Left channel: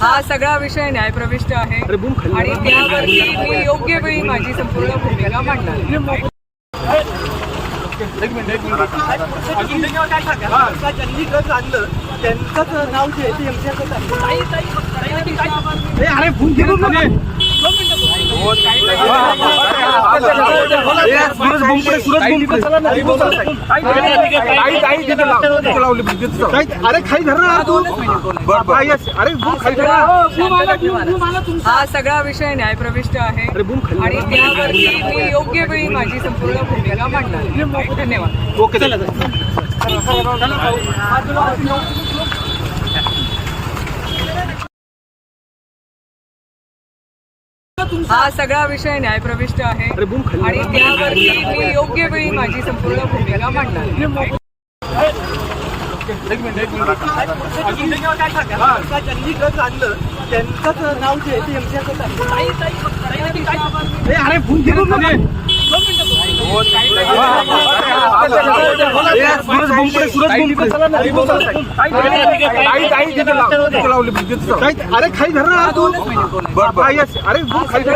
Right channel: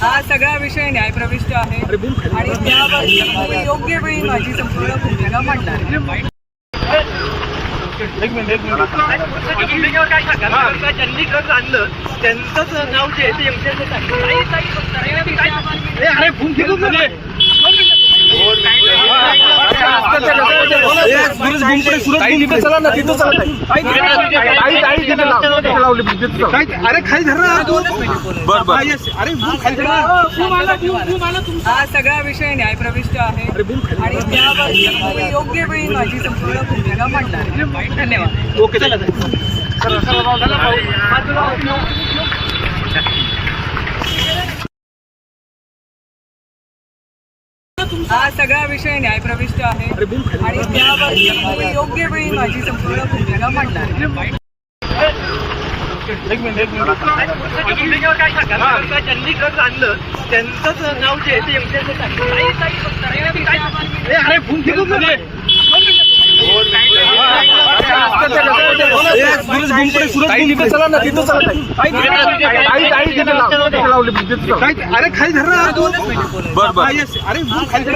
हा सगळा विषय न्यायप्रविष्ट आहे आणि त्यावरती मी योग्य वेळी माझी संपूर्ण भूमिका मांडणार. एक मिनिट काय सांगा ज्यांनी घर आणलं त्यांचंच नाव जे आहे ते अरे फोन अरे खाली धर हा सगळा विषय न्यायप्रविष्ट आहे आणि त्यावरती मी योग्य वेळी माझी संपूर्ण भूमिका मांडणार. धन्यवाद. ओके चला हा सगळा विषय न्यायप्रविष्ट आहे आणि त्यावरती मी योग्य वेळी माझी संपूर्ण भूमिका मांडणार. एक मिनिट काय सांगा ज्यांनी घर आणलं त्यांचंच नाव जे आहे ते अरे फोन अरे खाली धर अरे खाली धर